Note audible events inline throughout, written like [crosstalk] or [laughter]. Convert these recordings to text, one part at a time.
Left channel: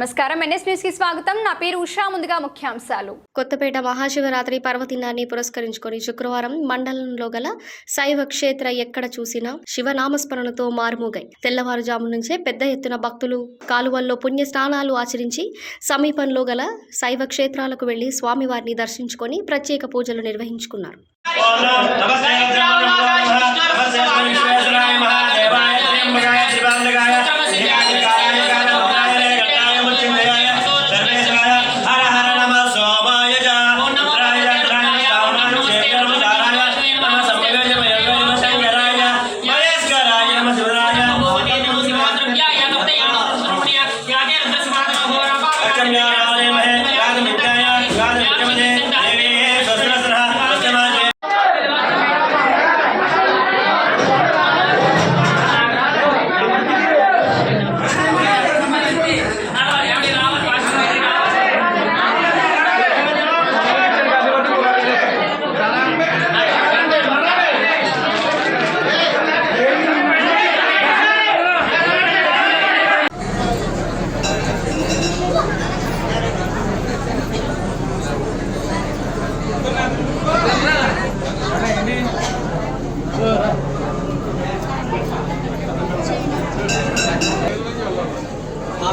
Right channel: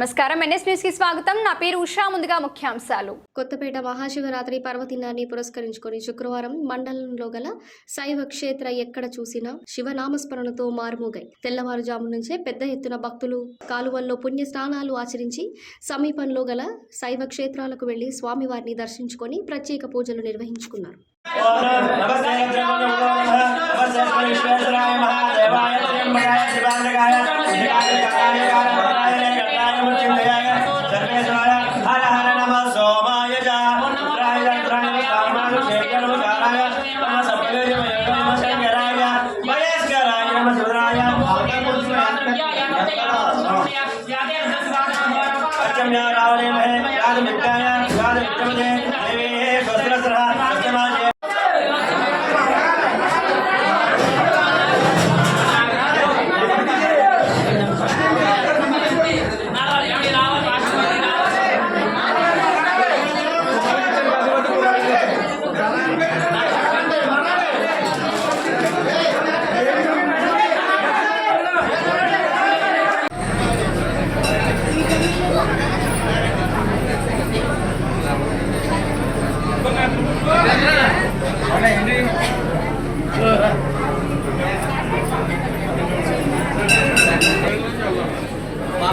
నమస్కారం. ఎన్ఎస్ న్యూస్కి స్వాగతం. నా పేరు ఉషా. ముందుగా ముఖ్యాంశాలు. కొత్తపేట మహాశివరాత్రి పర్వదినాన్ని పురస్కరించుకొని శుక్రవారం మండలంలో గల శైవ క్షేత్ర ఎక్కడ చూసినా శివనామస్మరణతో మారుమోగాయి తెల్లవారుజాము నుంచే పెద్ద ఎత్తున భక్తులు కాలువల్లో పుణ్య స్నానాలు ఆచరించి సమీపంలో గల శైవ క్షేత్రాలకు వెళ్ళి స్వామివారిని దర్శించుకొని ప్రత్యేక పూజలు నిర్వహించుకున్నారు.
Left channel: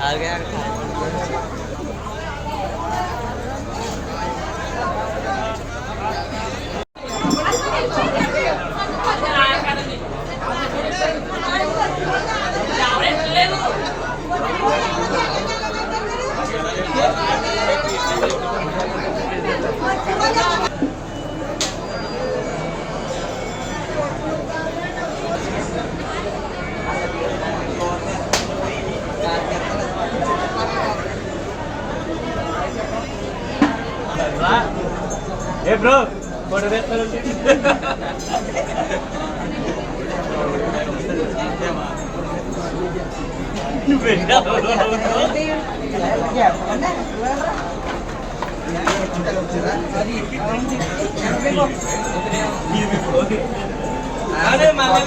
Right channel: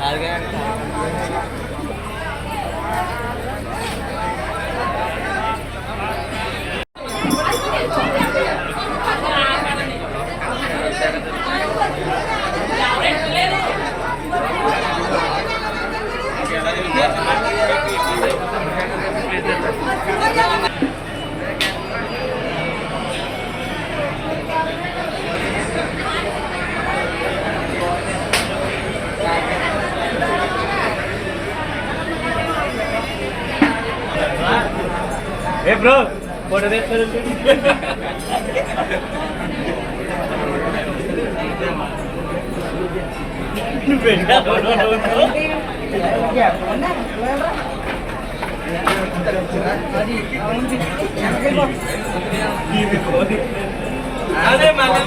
আর ఏ బ్రో? [laughs] అదే మళ్ళీ